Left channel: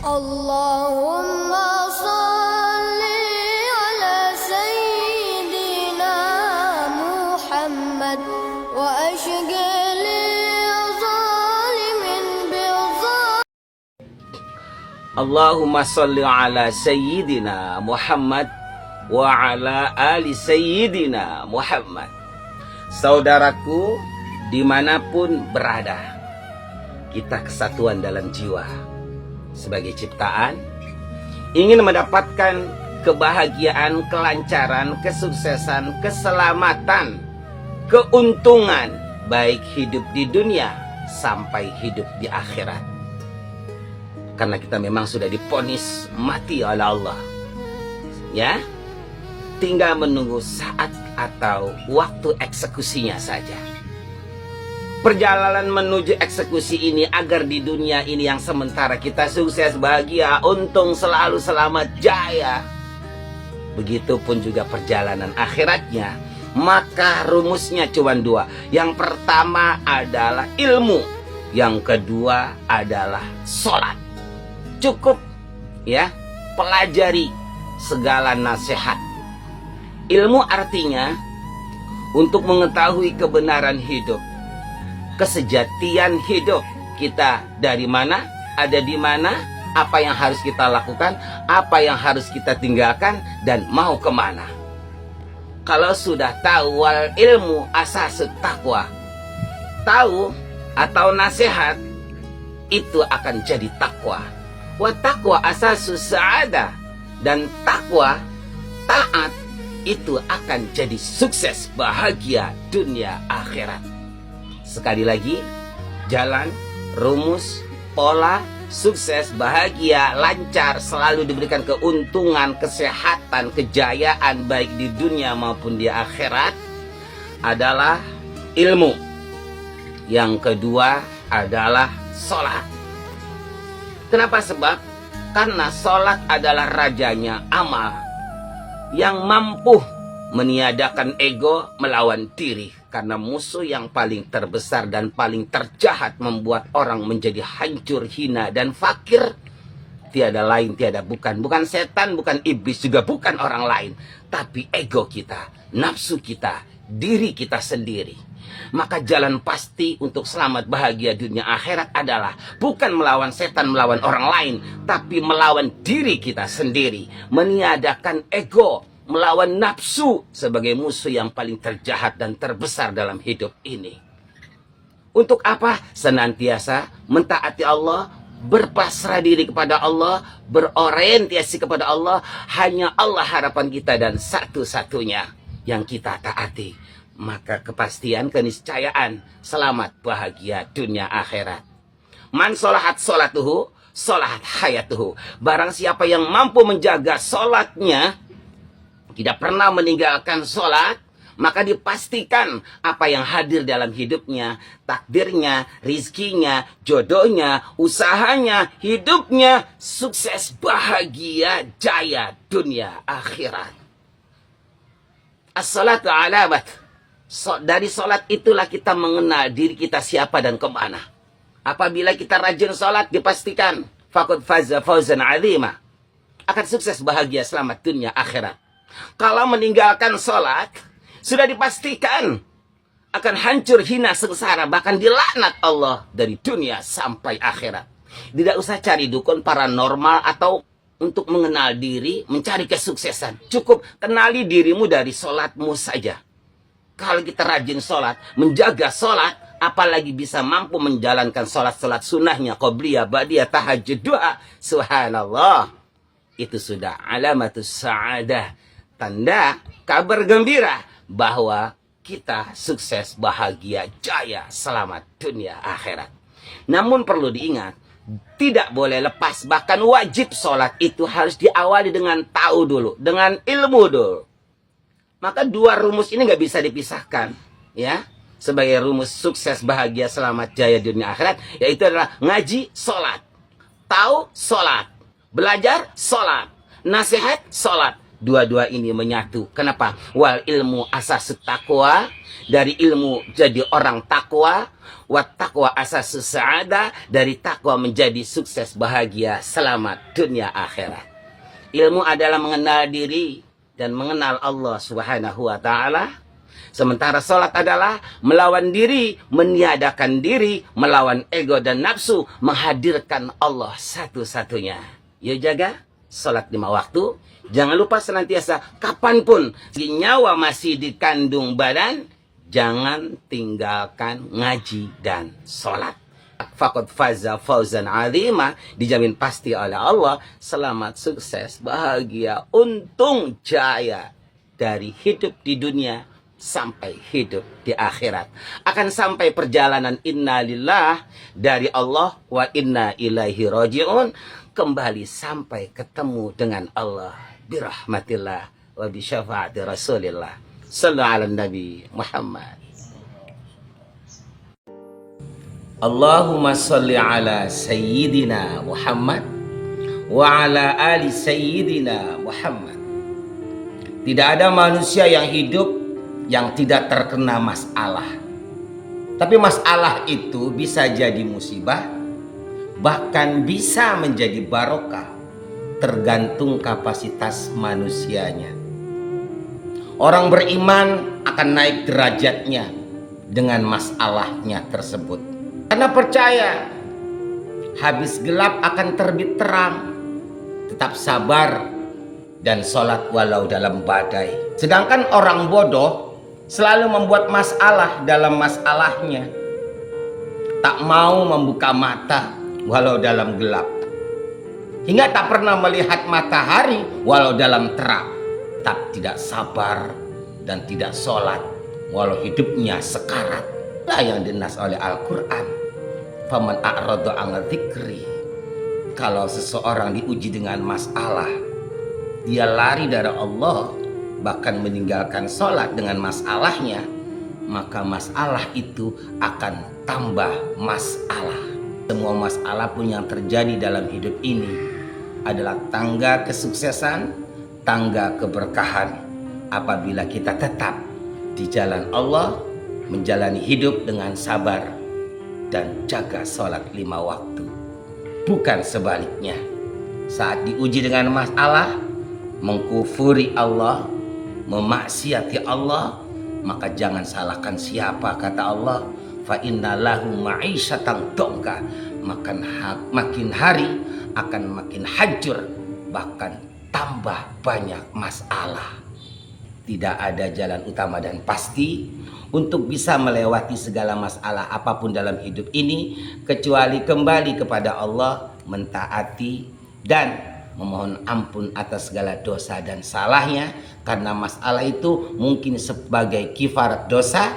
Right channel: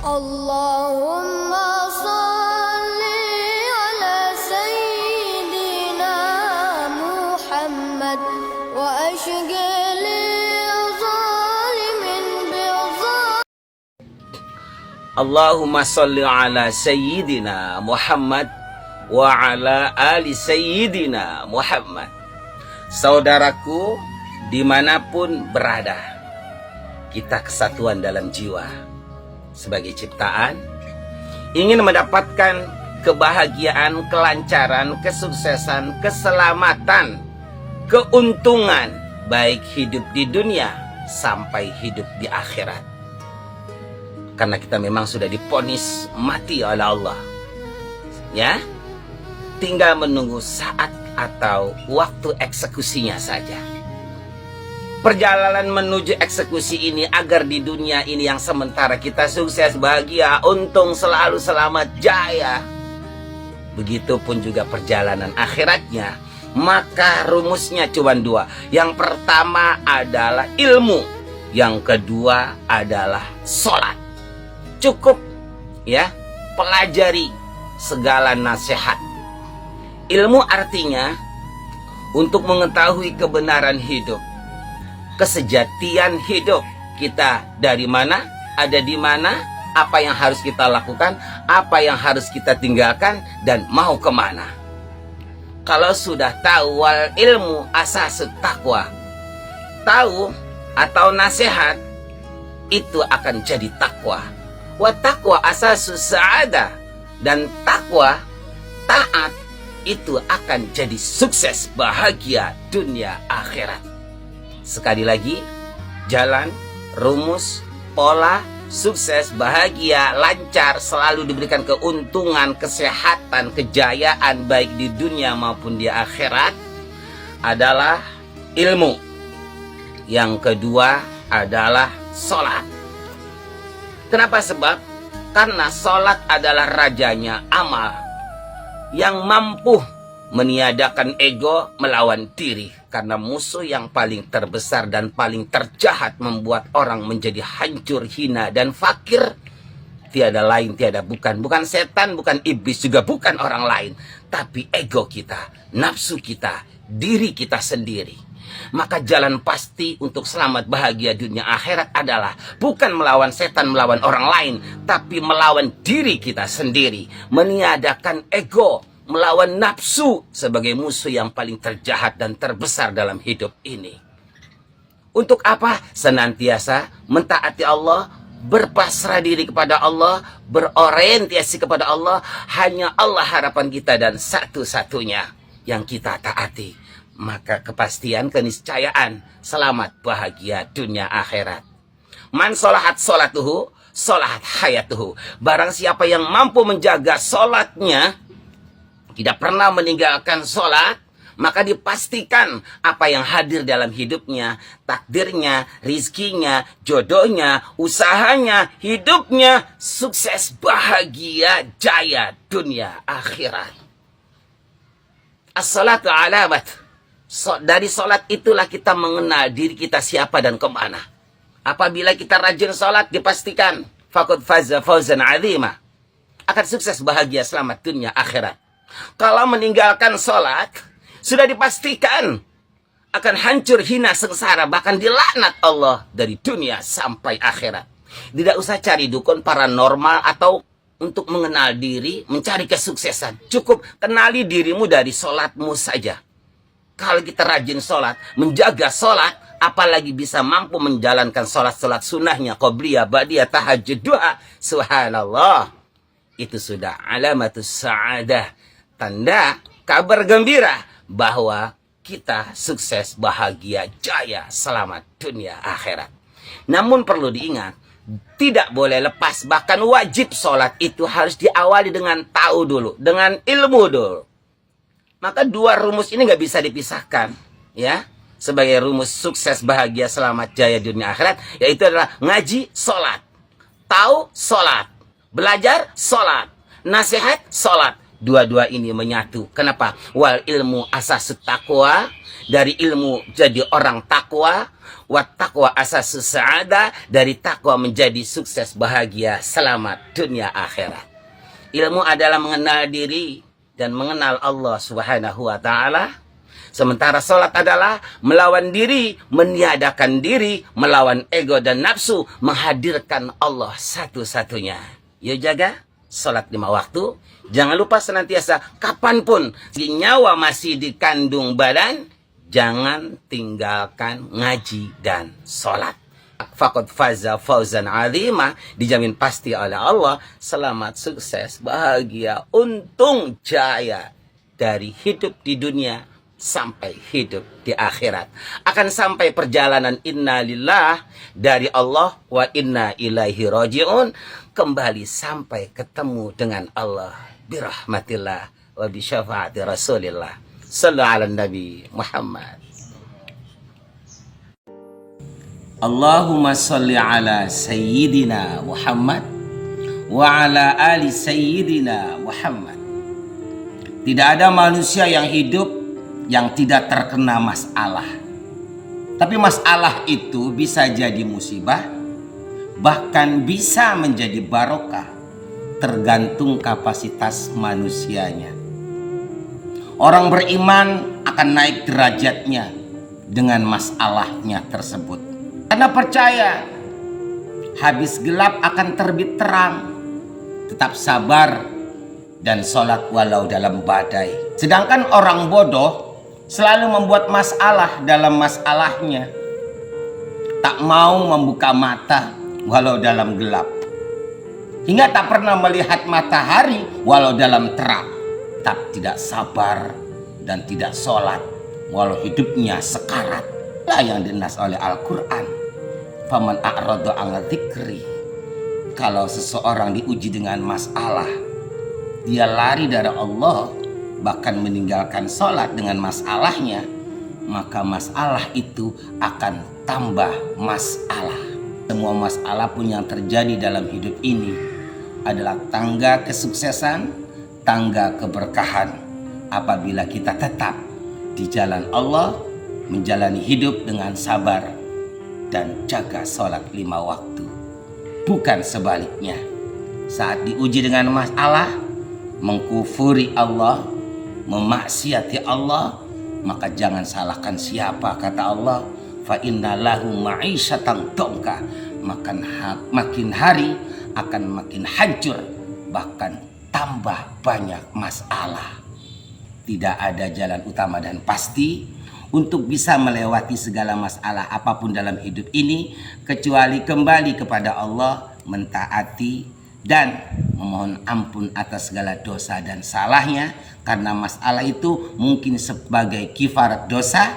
Allahumma salli ala Sayyidina Muhammad wa ashghali zalimin bil Allahumma salli ala Sayyidina Muhammad wa ala ali Sayyidina Muhammad. Saudaraku, dimanapun berada, kita kesatuan dalam jiwa. Sebagai ciptaan, ingin mendapatkan kebahagiaan, kelancaran, kesuksesan, keselamatan, keuntungan, baik hidup di dunia sampai hidup di akhirat. Karena kita memang sudah divonis mati oleh Allah. Ya, tinggal menunggu saat atau waktu eksekusinya saja. Perjalanan menuju eksekusi ini agar di dunia ini yang sementara kita sukses, bahagia, untung, selalu selamat, jaya. Begitupun juga perjalanan akhiratnya. Maka rumusnya cuma dua. Yang pertama adalah ilmu. Yang kedua adalah sholat. Cukup ya, pelajari segala nasihat. Ilmu artinya untuk mengetahui kebenaran hidup, kesejatian hidup kita, dari mana, ada di mana, apa yang harus kita lakukan, apa yang harus kita tinggalkan, dan mau kemana. Kalau sudah tahu, wal ilmu asasut taqwa, tahu atau nasihat, itu akan jadi takwa. Wa taqwa asasus sa'adah, dan takwa, taat, itu akan jadi sukses, bahagia dunia akhirat. Sekali lagi, jalan, rumus, pola, sukses, bahagia, lancar, selalu diberikan keuntungan, kesehatan, kejayaan baik di dunia maupun di akhirat adalah ilmu. Yang kedua adalah sholat. Kenapa? Sebab karena sholat adalah rajanya amal yang mampu meniadakan ego melawan diri. Karena musuh yang paling terbesar dan paling terjahat membuat orang menjadi hancur, hina, dan fakir, tiada lain, tiada bukan. Bukan setan, bukan iblis, juga bukan orang lain. Tapi ego kita, nafsu kita, diri kita sendiri. Maka jalan pasti untuk selamat bahagia dunia akhirat adalah bukan melawan setan, melawan orang lain, tapi melawan diri kita sendiri. Meniadakan ego, melawan nafsu sebagai musuh yang paling terjahat dan terbesar dalam hidup ini. Untuk apa? Senantiasa mentaati Allah, berpasrah diri kepada Allah, berorientasi kepada Allah. Hanya Allah harapan kita dan satu-satunya yang kita taati. Maka kepastian, keniscayaan, selamat bahagia dunia akhirat. Man sholahat sholatuhu, sholahat hayatuhu. Barang siapa yang mampu menjaga sholatnya, tidak pernah meninggalkan sholat, maka dipastikan apa yang hadir dalam hidupnya, takdirnya, rizkinya, jodohnya, usahanya, hidupnya, sukses, bahagia, jaya, dunia, akhirat. As-salatu alamat. Dari sholat itulah kita mengenal diri kita siapa dan kemana. Apabila kita rajin sholat, dipastikan faqad faza fawzan azima, akan sukses, bahagia, selamat dunia akhirat. Kalau meninggalkan sholat, sudah dipastikan akan hancur, hina, sengsara, bahkan dilaknat Allah dari dunia sampai akhirat. Tidak usah cari dukun paranormal atau untuk mengenal diri, mencari kesuksesan. Cukup kenali dirimu dari sholatmu saja. Kalau kita rajin sholat, menjaga sholat, apalagi bisa mampu menjalankan sholat-sholat sunnahnya, qobliyah, ba'diyah, tahajud, doa, subhanallah, itu sudah alamatus sa'adah, tanda kabar gembira bahwa kita sukses, bahagia, jaya, selamat dunia akhirat. Namun perlu diingat, tidak boleh lepas, bahkan wajib sholat itu harus diawali dengan tahu dulu, dengan ilmu dulu. Maka dua rumus ini nggak bisa dipisahkan, ya. Sebagai rumus sukses, bahagia, selamat, jaya dunia akhirat, yaitu adalah ngaji, sholat, tahu, sholat, belajar, sholat, nasihat, sholat, Dua-dua ini menyatu. Kenapa? Wal ilmu asasut taqwa, dari ilmu jadi orang takwa. Wat taqwa asasus sa'ada, dari takwa menjadi sukses, bahagia, selamat dunia akhirat. Ilmu adalah mengenal diri dan mengenal Allah Subhanahu wa taala. Sementara sholat adalah melawan diri, meniadakan diri, melawan ego dan nafsu, menghadirkan Allah satu-satunya. Yuk jaga sholat 5 waktu. Jangan lupa senantiasa kapanpun nyawa masih di kandung badan, jangan tinggalkan ngaji dan sholat. Faqad faza fauzan azima, dijamin pasti oleh Allah selamat, sukses, bahagia, untung, jaya dari hidup di dunia sampai hidup di akhirat. Akan sampai perjalanan innalillah dari Allah wa inna ilaihi raji'un, kembali sampai ketemu dengan Allah birahmatillah wa bi syafaati rasulillah. Sallu ala nabi Muhammad. Allahumma salli ala sayyidina Muhammad wa ala ali sayyidina Muhammad. Tidak ada manusia yang hidup yang tidak terkena masalah. Tapi masalah itu bisa jadi musibah, bahkan bisa menjadi barokah, tergantung kapasitas manusianya. Orang beriman akan naik derajatnya dengan masalahnya tersebut. Karena percaya habis gelap akan terbit terang. Tetap sabar dan sholat walau dalam badai. Sedangkan orang bodoh selalu membuat masalah dalam masalahnya. Tak mau membuka mata walau dalam gelap. Hingga tak pernah melihat matahari walau dalam terang. Tak tidak sabar dan tidak sholat walau hidupnya sekarat. Lah yang dinas oleh Al-Quran. Faman a'rada an dzikri. Kalau seseorang diuji dengan masalah, dia lari dari Allah, bahkan meninggalkan sholat dengan masalahnya, maka masalah itu akan tambah masalah. Semua masalah pun yang terjadi dalam hidup ini adalah tangga kesuksesan, tangga keberkahan apabila kita tetap di jalan Allah, menjalani hidup dengan sabar dan jaga sholat 5 waktu. Bukan sebaliknya. Saat diuji dengan masalah, mengkufuri Allah, memaksiati Allah, maka jangan salahkan siapa. Kata Allah, fa inna lahu ma'isyatan dongka. Makin hari akan makin hancur, bahkan tambah banyak masalah. Tidak ada jalan utama dan pasti untuk bisa melewati segala masalah apapun dalam hidup ini, kecuali kembali kepada Allah, mentaati dan memohon ampun atas segala dosa dan salahnya. Karena masalah itu mungkin sebagai kifarat dosa,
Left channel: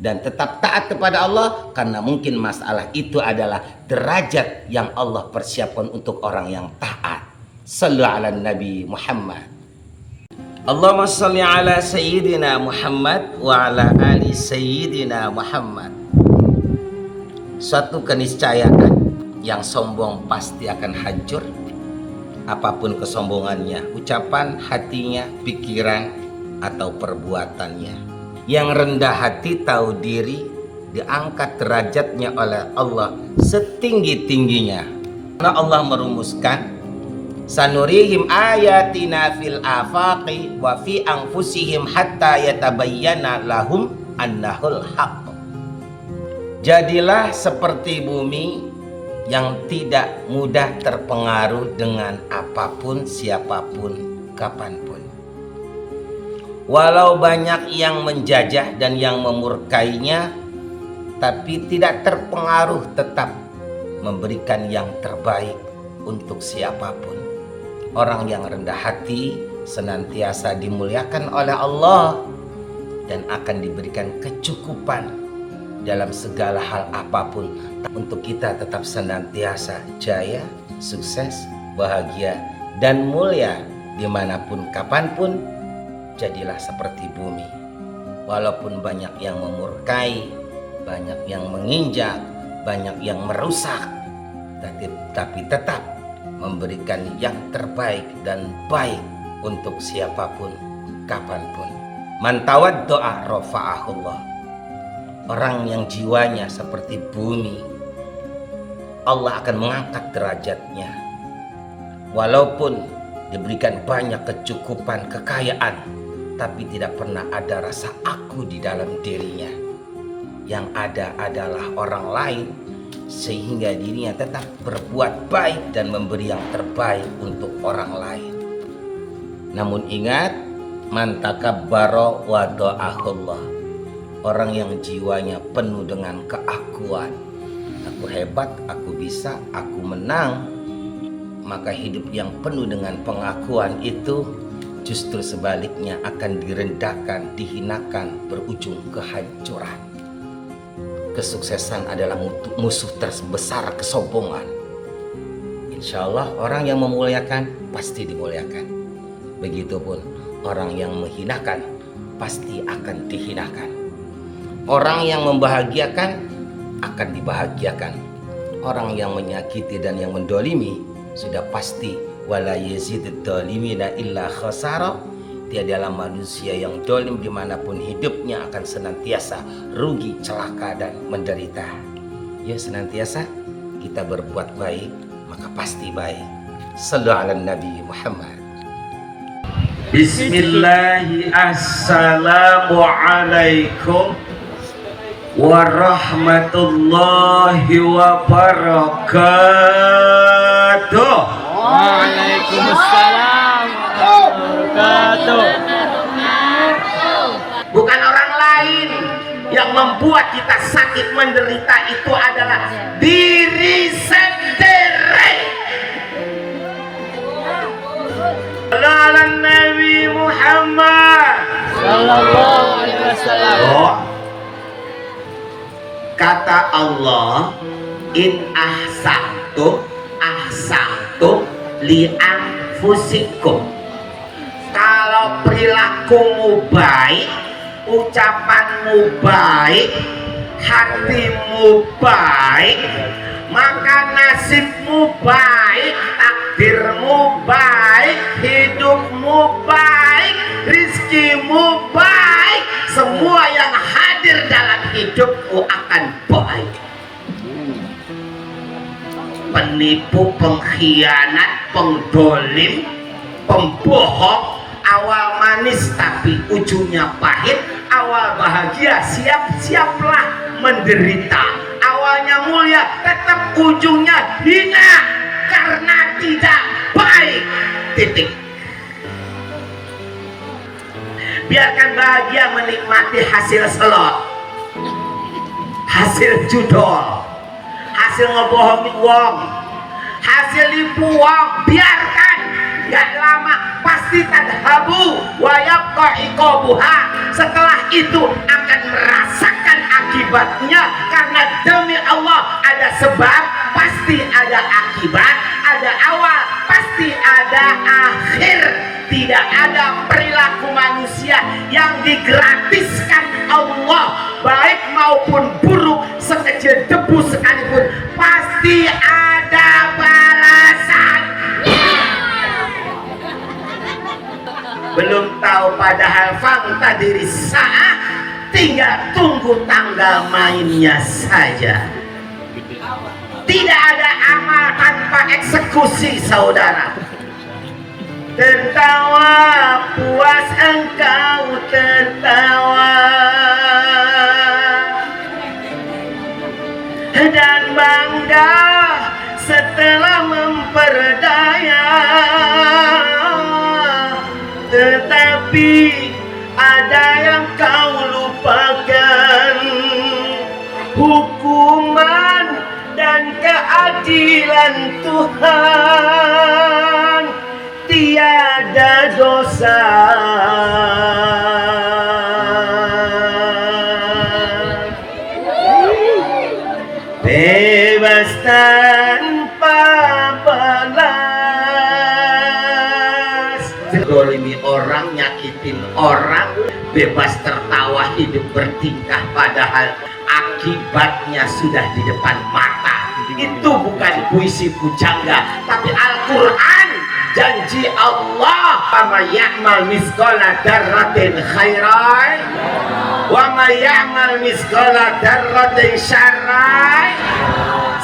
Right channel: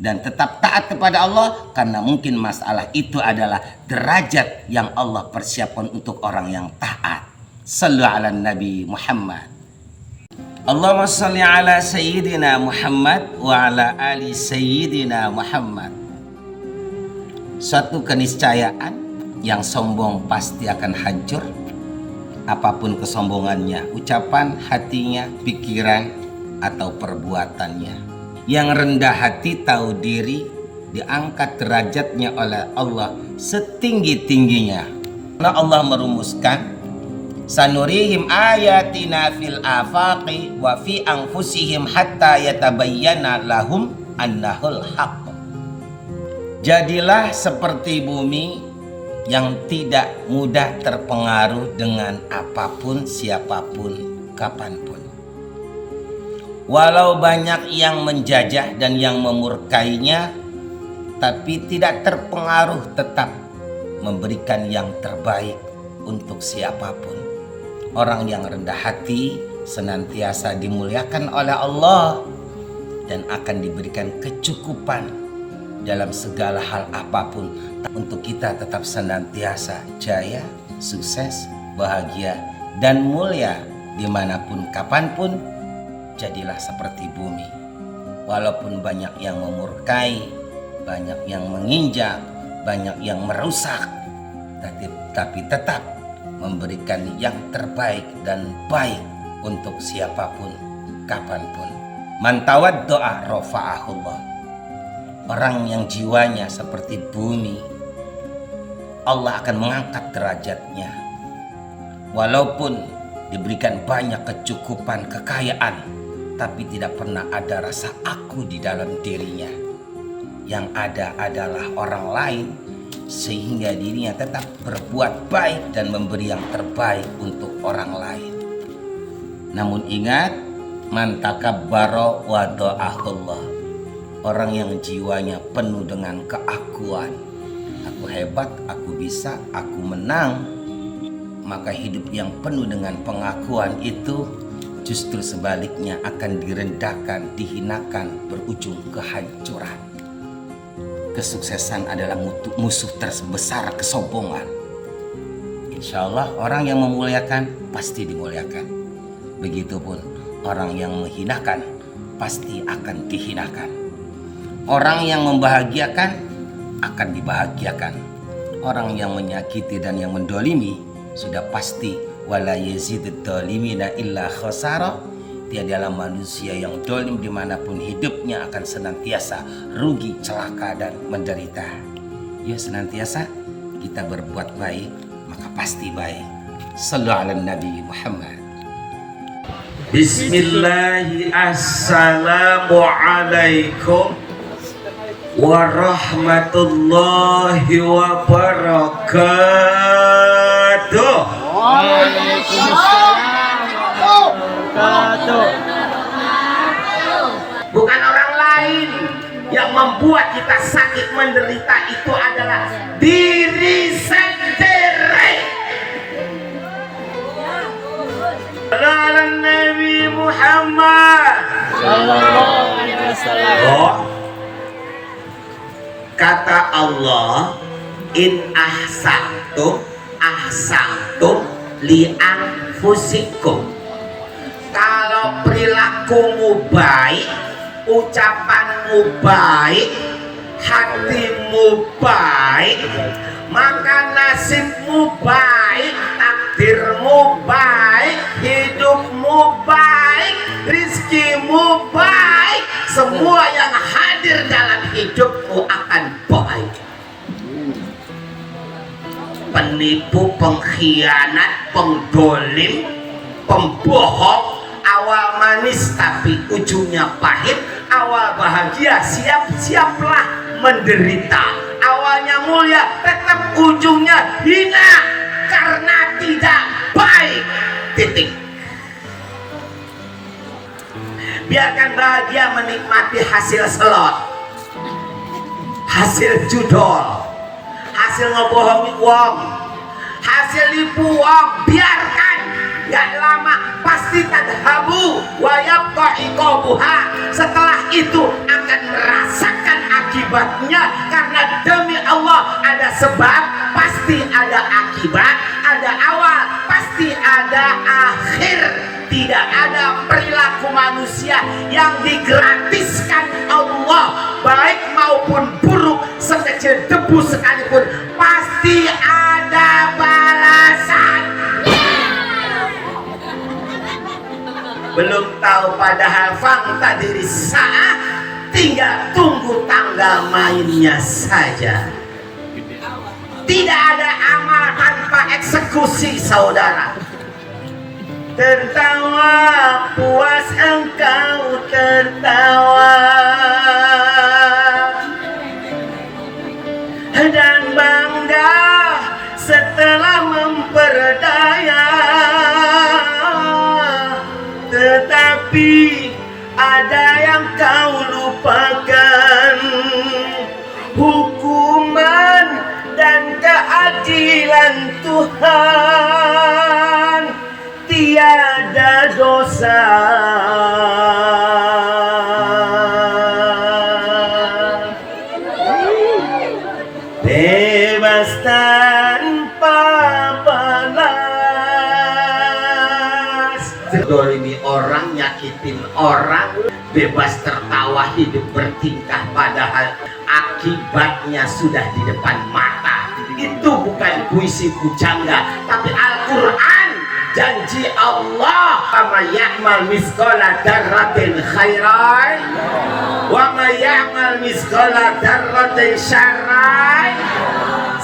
dan tetap taat kepada Allah karena mungkin masalah itu adalah derajat yang Allah persiapkan untuk orang yang taat. Sallu ala Nabi Muhammad. Allahumma salli ala sayyidina Muhammad wa ala ali sayyidina Muhammad. Suatu keniscayaan yang sombong pasti akan hancur, apapun kesombongannya, ucapan, hatinya, pikiran, atau perbuatannya. Yang rendah hati tahu diri diangkat derajatnya oleh Allah setinggi-tingginya. Karena Allah merumuskan, sanurihim ayatina fil afaqi wa fi anfusihim hatta yatabayyana lahum annahul haqq. Jadilah seperti bumi yang tidak mudah terpengaruh dengan apapun, siapapun, kapanpun. Walau banyak yang menjajah dan yang memurkainya, tapi tidak terpengaruh, tetap memberikan yang terbaik untuk siapapun. Orang yang rendah hati senantiasa dimuliakan oleh Allah dan akan diberikan kecukupan dalam segala hal apapun untuk kita tetap senantiasa jaya, sukses, bahagia, dan mulia dimanapun kapanpun. Jadilah seperti bumi. Walaupun banyak yang memurkai, banyak yang menginjak, banyak yang merusak, tapi tetap memberikan yang terbaik dan baik untuk siapapun, kapanpun. Man tawaddo'a rafa'ahullah. Orang yang jiwanya seperti bumi, Allah akan mengangkat derajatnya. Walaupun diberikan banyak kecukupan, kekayaan, tapi tidak pernah ada rasa aku di dalam dirinya. Yang ada adalah orang lain, sehingga dirinya tetap berbuat baik dan memberi yang terbaik untuk orang lain. Namun ingat, man takabbara wada'ahullah. Orang yang jiwanya penuh dengan keakuan, aku hebat, aku bisa, aku menang, maka hidup yang penuh dengan pengakuan itu justru sebaliknya akan direndahkan, dihinakan, berujung kehancuran. Kesuksesan adalah musuh terbesar kesombongan. Insya Allah orang yang memuliakan pasti dimuliakan. Begitupun orang yang menghinakan pasti akan dihinakan. Orang yang membahagiakan akan dibahagiakan. Orang yang menyakiti dan yang mendolimi sudah pasti wala yazidud dolimina illa khasara. Tiadalah manusia yang dolim dimanapun hidupnya akan senantiasa rugi, celaka dan menderita. Yuk senantiasa kita berbuat baik, maka pasti baik. Sallu ala Nabi Muhammad. Bismillahi assalamualaikum warahmatullahi wabarakatuh. Waalaikumsalam warahmatullahi wabarakatuh. Bukan orang lain yang membuat kita sakit menderita, itu adalah diri sendiri. Ala Nabi Muhammad Sallallahu alaihi wasallam. Oh, kata Allah, in ahsantum li anfusikum. Kalau perilakumu baik, ucapanmu baik, hatimu baik, maka nasibmu baik, takdirmu baik, hidupmu baik, rizkimu baik, semua yang hadir dalam hidupmu akan baik. Penipu, pengkhianat, pengdolim, pembohong, awal manis tapi ujungnya pahit, awal bahagia siap-siaplah menderita, awalnya mulia tetap ujungnya hina karena tidak baik. Titik. Biarkan bahagia menikmati hasil selot, hasil judol, hasil ngebohongi uang, hasil nipu uang. Biarkan, gak lama pasti tadhabu wa yabqa iqabuha. Setelah itu akan merasakan akibatnya, karena demi Allah ada sebab pasti ada akibat, ada awal pasti ada akhir. Tidak ada perilaku manusia yang digratiskan Allah, baik maupun buruk, sekecil debu sekalipun pasti ada balasan. Belum tahu padahal fakta diri sa'ah, tinggal tunggu tanggal mainnya saja. Tidak ada amal tanpa eksekusi, saudara. Tertawa puas engkau tertawa, dan bangga setelah memperdaya. Tetapi ada yang kau lupakan, hukuman dan keadilan Tuhan. Tiada dosa, bebas tanpa balas. Dolimi orang, nyakitin orang, bebas tertawa, hidup bertingkah, padahal akibatnya sudah di depan mata. Itu bukan puisi pujangga, tapi Al-Quran. Janji Allah Wa ya'mal misqala dzarratin khairan wa may ya'mal misqala dzarratin syarran.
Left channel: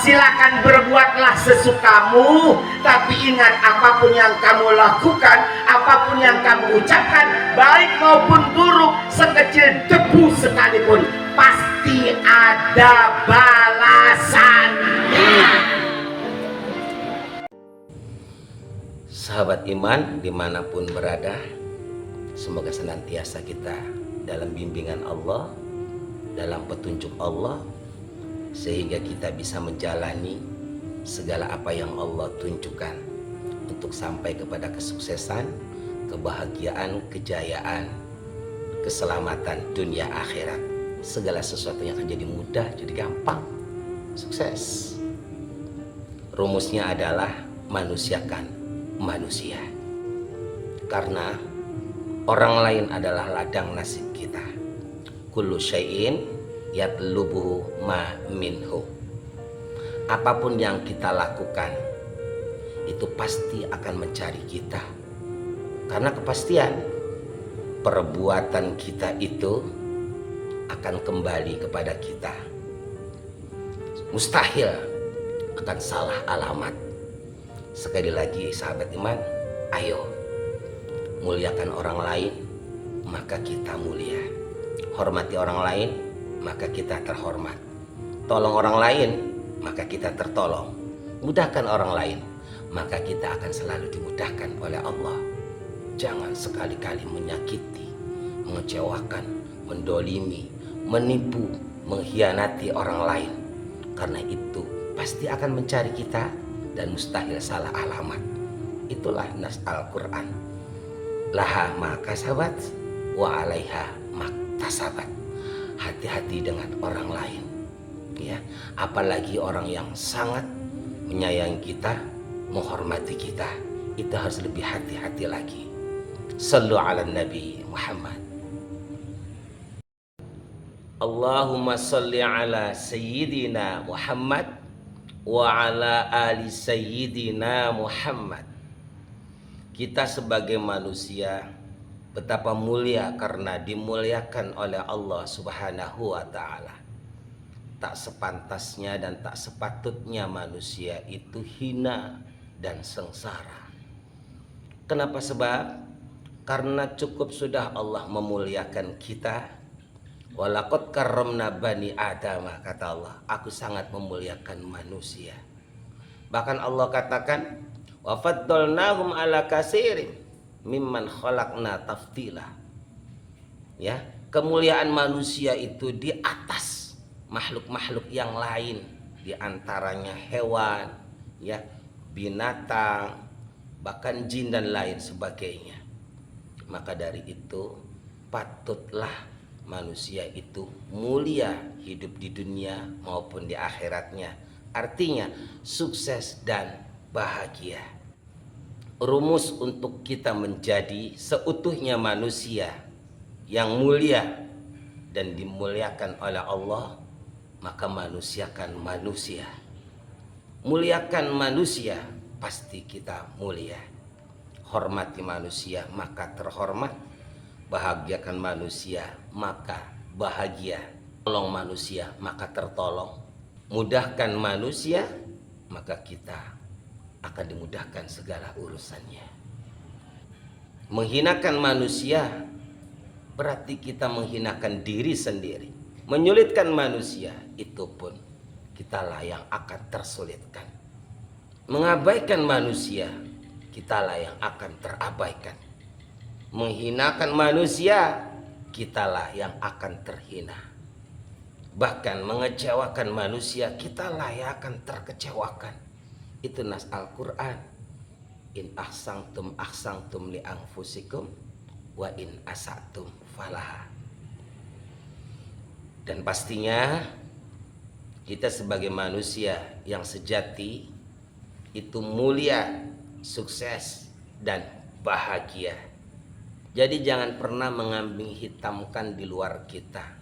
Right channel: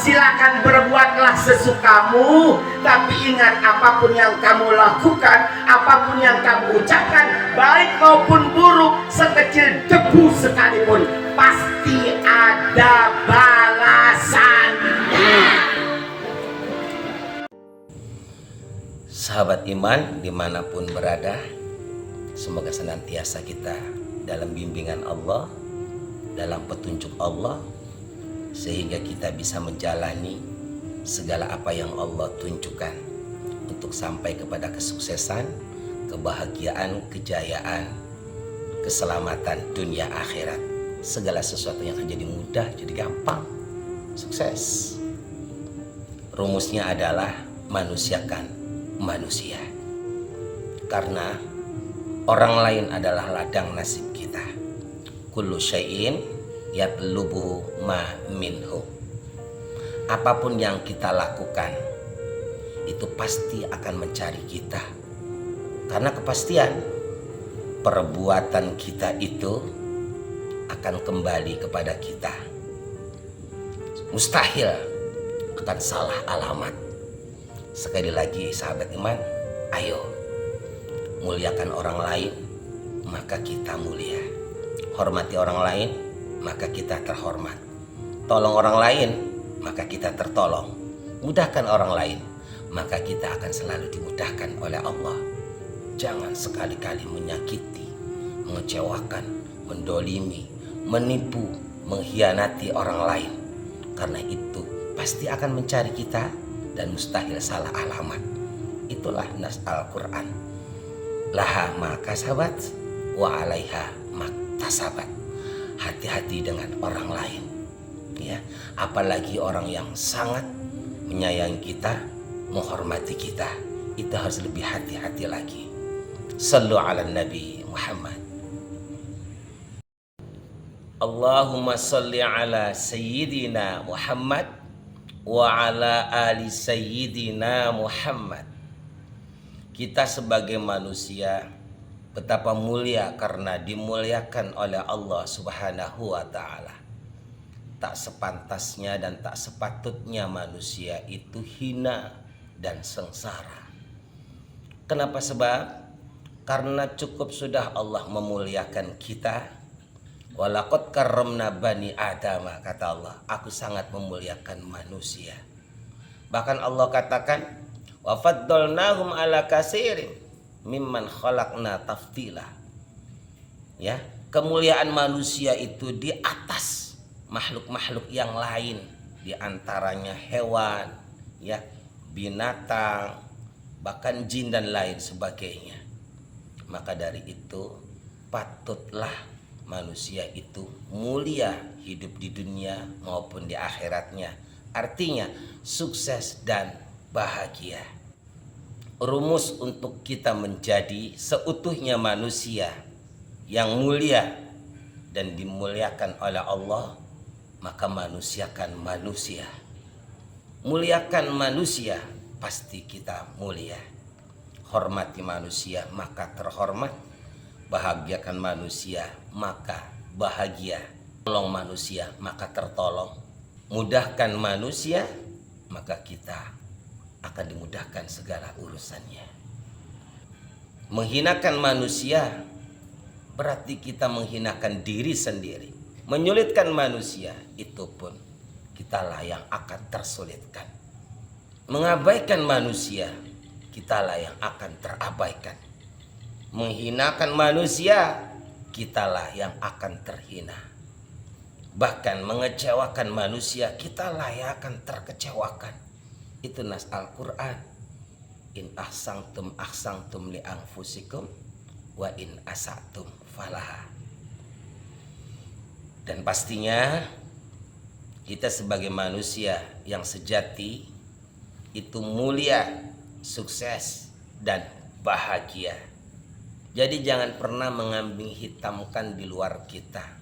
Silakan berbuatlah sesukamu, tapi ingat apapun yang kamu lakukan, apapun yang kamu ucapkan, baik maupun buruk, sekecil debu sekalipun, pasti ada balasan. Sahabat iman dimanapun berada, semoga senantiasa kita dalam bimbingan Allah, dalam petunjuk Allah, sehingga kita bisa menjalani segala apa yang Allah tunjukkan untuk sampai kepada kesuksesan, kebahagiaan, kejayaan, keselamatan dunia akhirat. Segala sesuatu yang akan jadi mudah, jadi gampang, sukses. Rumusnya adalah manusiakan manusia, karena orang lain adalah ladang nasib kita. Kullu syai'in yatlubuhu ma minhu. Apapun yang kita lakukan itu pasti akan mencari kita, karena kepastian perbuatan kita itu akan kembali kepada kita. Mustahil akan salah alamat. Sekali lagi sahabat iman, ayo muliakan orang lain, maka kita mulia. Hormati orang lain, maka kita terhormat. Tolong orang lain, maka kita tertolong. Mudahkan orang lain, maka kita akan selalu dimudahkan oleh Allah. Jangan sekali-kali menyakiti, mengecewakan, mendolimi, menipu, mengkhianati orang lain, karena itu pasti akan mencari kita dan mustahil salah alamat. Itulah nas Al-Quran. Laha maka sahabat, wa alaiha maktasabat. Hati-hati dengan orang lain, ya, apalagi orang yang sangat menyayangi kita, menghormati kita, itu harus lebih hati-hati lagi. Sallu ala Nabi Muhammad. Allahumma salli ala Sayyidina Muhammad wa ala ali Sayyidina Muhammad. Kita sebagai manusia betapa mulia karena dimuliakan oleh Allah Subhanahu wa ta'ala. Tak sepantasnya dan tak sepatutnya manusia itu hina dan sengsara. Kenapa? Sebab karena cukup sudah Allah memuliakan kita. Walaqad karramna bani Adam, kata Allah, aku sangat memuliakan manusia. Bahkan Allah katakan, wa faddalnahum ala katsirin mimman khalaqna tafdila. Ya, kemuliaan manusia itu di atas makhluk-makhluk yang lain, di antaranya hewan, ya, binatang, bahkan jin dan lain sebagainya. Maka dari itu patutlah manusia itu mulia hidup di dunia maupun di akhiratnya. Artinya sukses dan bahagia. Rumus untuk kita menjadi seutuhnya manusia yang mulia dan dimuliakan oleh Allah, maka manusiakan manusia. Muliakan manusia, pasti kita mulia. Hormati manusia, maka terhormat. Bahagiakan manusia, maka bahagia. Tolong manusia, maka tertolong. Mudahkan manusia, maka kita akan dimudahkan segala urusannya. Menghinakan manusia berarti kita menghinakan diri sendiri. Menyulitkan manusia, itu pun kitalah yang akan tersulitkan. Mengabaikan manusia, kitalah yang akan terabaikan. Menghinakan manusia, kitalah yang akan terhina. Bahkan mengecewakan manusia, kitalah yang akan terkecewakan. Itu nas Al-Quran. In ahsangtum li anfusikum wa in asatum falaha. Dan pastinya kita sebagai manusia yang sejati itu mulia, sukses dan bahagia. Jadi jangan pernah mengambing hitamkan di luar kita.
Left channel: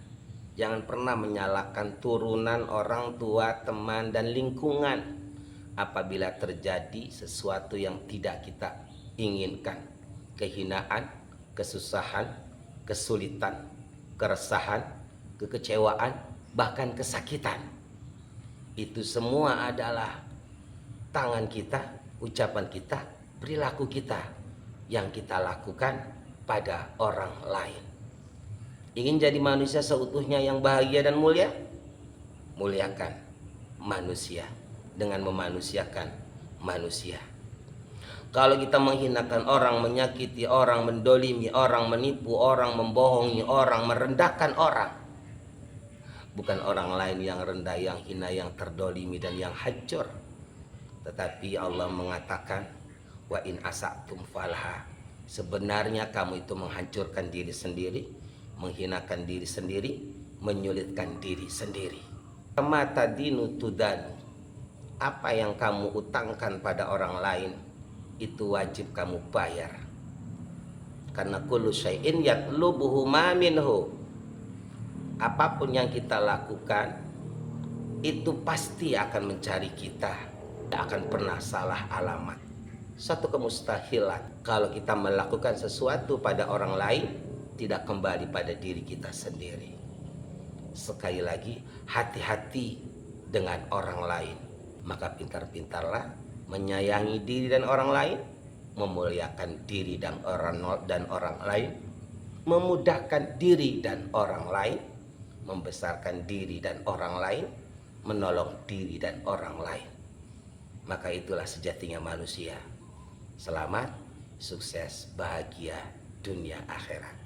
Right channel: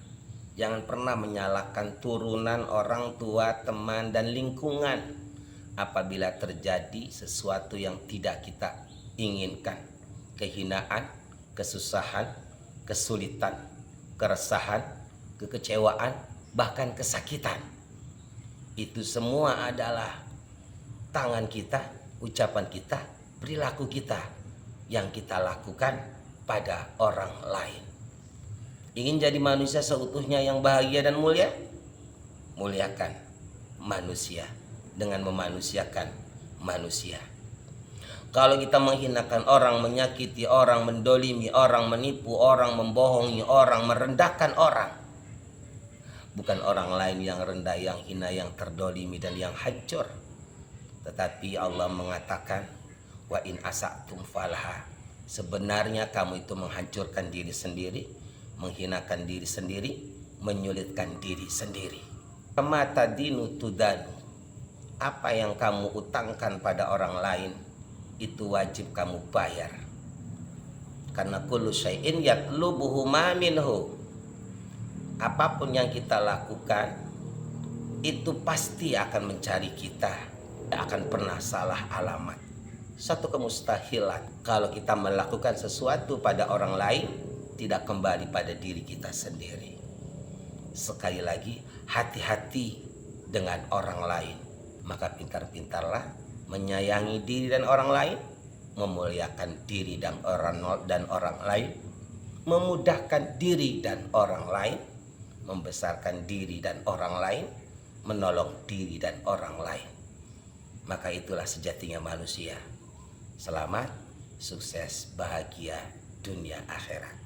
Jangan pernah menyalahkan turunan, orang tua, teman, dan lingkungan apabila terjadi sesuatu yang tidak kita inginkan. kehinaan, kesusahan, kesulitan, keresahan, kekecewaan, bahkan kesakitan. Itu semua adalah tangan kita, ucapan kita, perilaku kita yang kita lakukan pada orang lain. Ingin jadi manusia seutuhnya yang bahagia dan mulia? Muliakan manusia dengan memanusiakan manusia. Kalau kita menghinakan orang, menyakiti orang, mendolimi orang, menipu orang, membohongi orang, merendahkan orang, bukan orang lain yang rendah, yang hina, yang terdolimi dan yang hancur, tetapi Allah mengatakan wa in asatum falaha, sebenarnya kamu itu menghancurkan diri sendiri, menghinakan diri sendiri, menyulitkan diri sendiri. Kama tadinu tudanu, apa yang kamu utangkan pada orang lain itu wajib kamu bayar. Karena kullu syai'in yatlubuhu ma minhu, apapun yang kita lakukan itu pasti akan mencari kita, tidak akan pernah salah alamat. Satu kemustahilan kalau kita melakukan sesuatu pada orang lain tidak kembali pada diri kita sendiri. Sekali lagi, hati-hati dengan orang lain. Maka pintar-pintarlah menyayangi diri dan orang lain, memuliakan diri dan orang lain, memudahkan diri dan orang lain, membesarkan diri dan orang lain, menolong diri dan orang lain. Maka itulah sejatinya manusia. Selamat, sukses, bahagia dunia akhirat.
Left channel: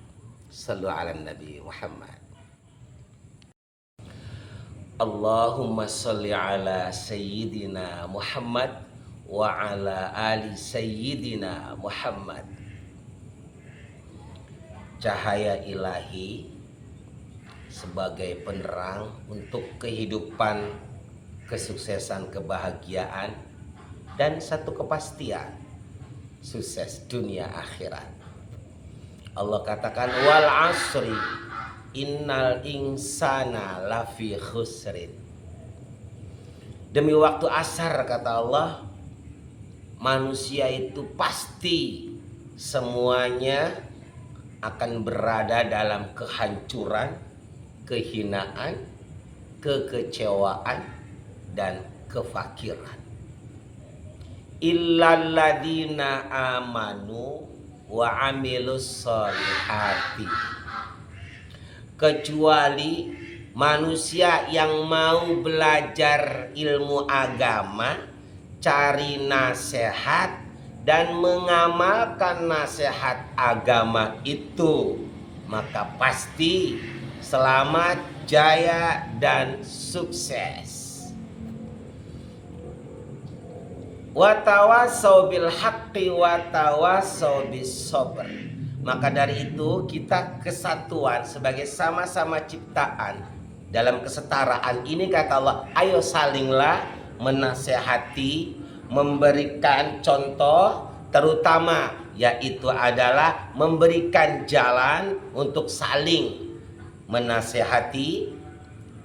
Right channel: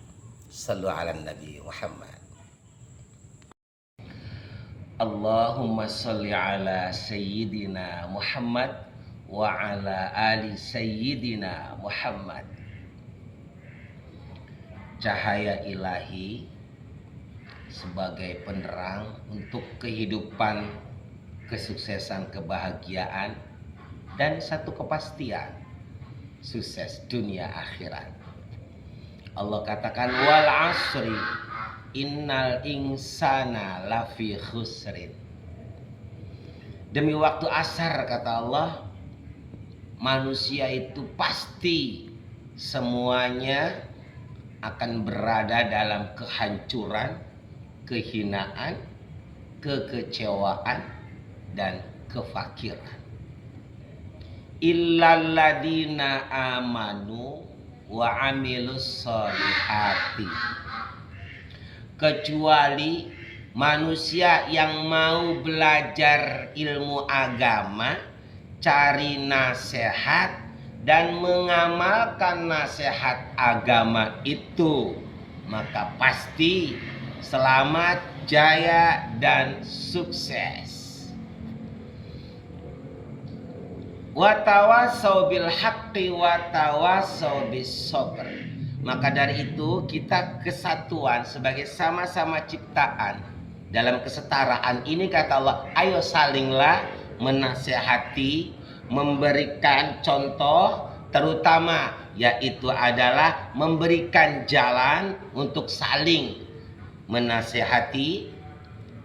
Sallu ala Nabi Muhammad. Allahumma salli ala Sayyidina Muhammad wa ala ali Sayyidina Muhammad. Cahaya ilahi sebagai penerang untuk kehidupan, kesuksesan, kebahagiaan, dan satu kepastian sukses dunia akhirat. Allah katakan wal asri innal insana lafi khusrin. Demi waktu asar, kata Allah, manusia itu pasti semuanya akan berada dalam kehancuran, kehinaan, kekecewaan, dan kefakiran. Illalladzina amanu wa amilus solihati, kecuali manusia yang mau belajar ilmu agama, cari nasihat, dan mengamalkan nasihat agama itu, maka pasti selamat, jaya, dan sukses. Watawasau bil haqqi watawasau bis sabr. Maka dari itu kita kesatuan sebagai sama-sama ciptaan dalam kesetaraan ini, kata Allah, ayo salinglah menasehati, memberikan contoh, terutama yaitu adalah memberikan jalan untuk saling menasehati,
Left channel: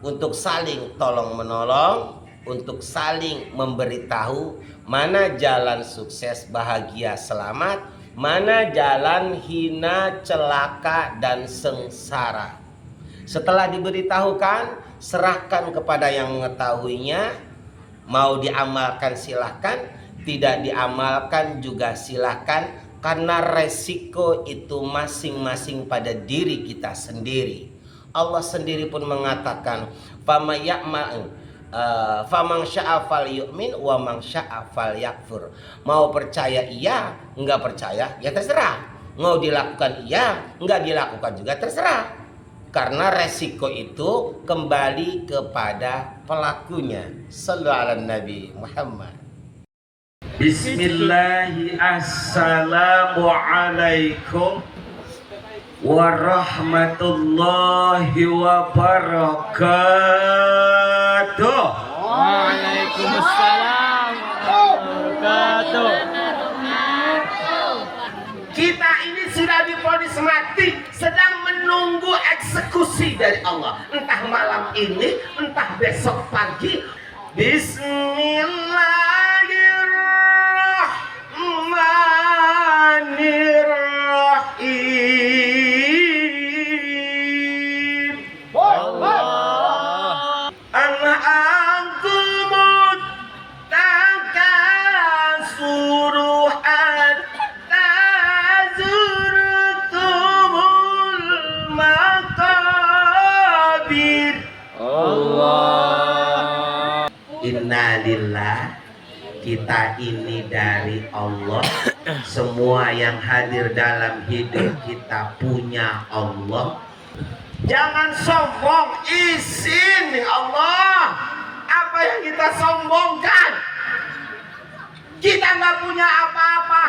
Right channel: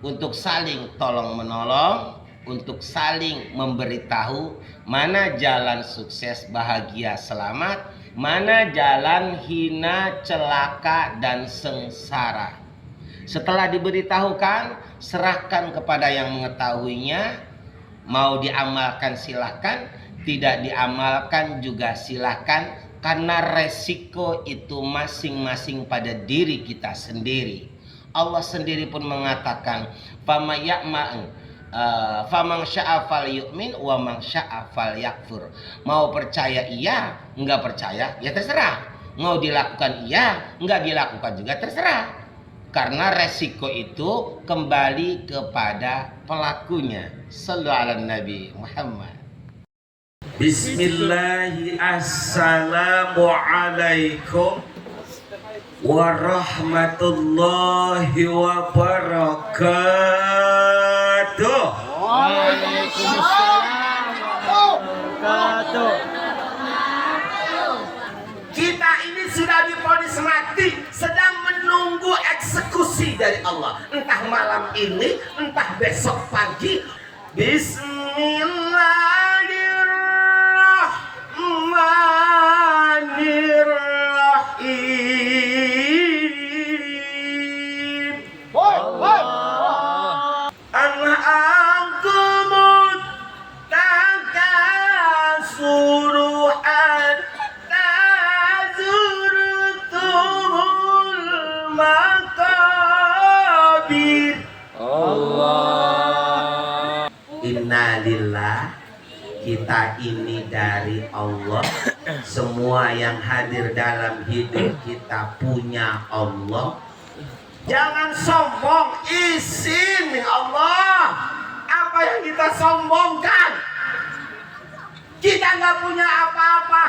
untuk saling tolong menolong, untuk saling memberitahu mana jalan sukses, bahagia, selamat, mana jalan hina, celaka, dan sengsara. Setelah diberitahukan, serahkan kepada yang mengetahuinya. Mau diamalkan silahkan, tidak diamalkan juga silahkan, karena resiko itu masing-masing pada diri kita sendiri. Allah sendiri pun mengatakan, Faman sya'a falyu'min wa man sya'a falyakfur. Mau percaya iya, enggak percaya ya terserah. Mau dilakukan iya, enggak dilakukan juga terserah. Karena resiko itu kembali kepada pelakunya. Sallallahu ala Nabi Muhammad. Bismillahi assalamualaikum warahmatullahi wabarakatuh. Waalaikumsalam warahmatullahi wabarakatuh. Kita ini sudah divonis mati, sedang menunggu eksekusi dari Allah. Entah malam ini, entah besok pagi. Bismillahirrahmanirrahim. Allah. Semua yang hadir dalam hidup kita punya Allah. Jangan sombong, izin nih Allah. Apa yang kita sombongkan? Kita nggak punya apa-apa,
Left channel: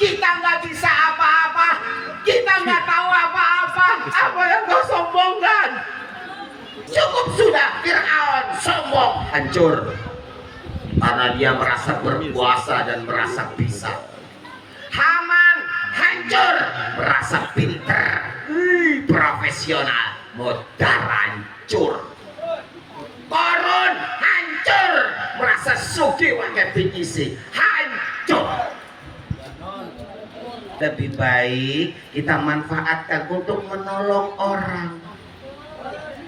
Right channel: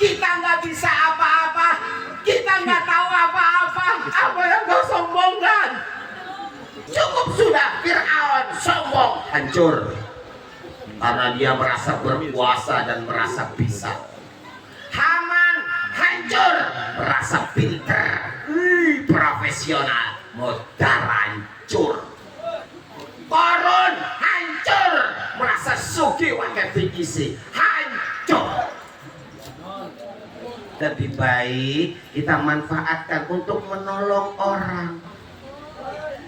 kita nggak bisa apa-apa, kita nggak tahu apa-apa. Apa yang kau sombongkan? Cukup sudah, Fir'aun sombong, hancur. Karena dia merasa berkuasa dan merasa bisa. Haman hancur, merasa pintar, profesional, modal hancur. Korun hancur, merasa sugih pakai PVC, hancur. Lebih baik kita manfaatkan untuk menolong orang.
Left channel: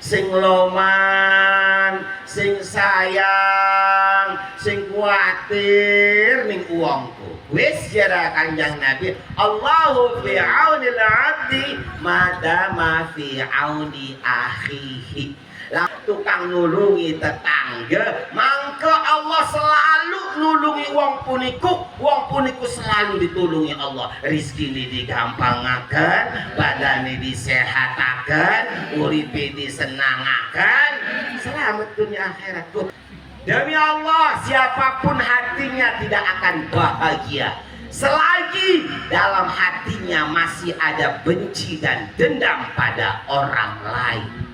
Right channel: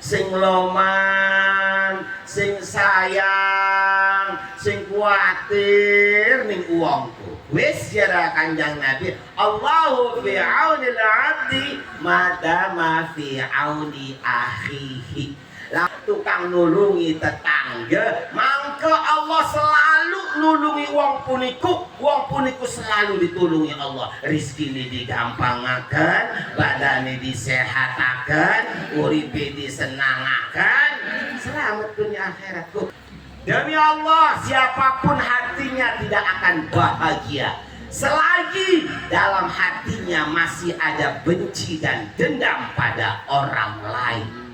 Sing loman, sing sayang, sing kuatir ning uangku. Wis jara Kanjeng Nabi, Allahu fi aunil abdi madama fi auni akhihi. Lah tukang nulungi tetangga, mangke Allah selalu nulungi wong puniku selalu ditulungi Allah. Rizki ini digampangaken, badane disehataken, uripe disenangaken, selamat dunia akhirat. Demi Allah, siapapun hatinya tidak akan bahagia selagi dalam hatinya masih ada benci dan dendam pada orang lain.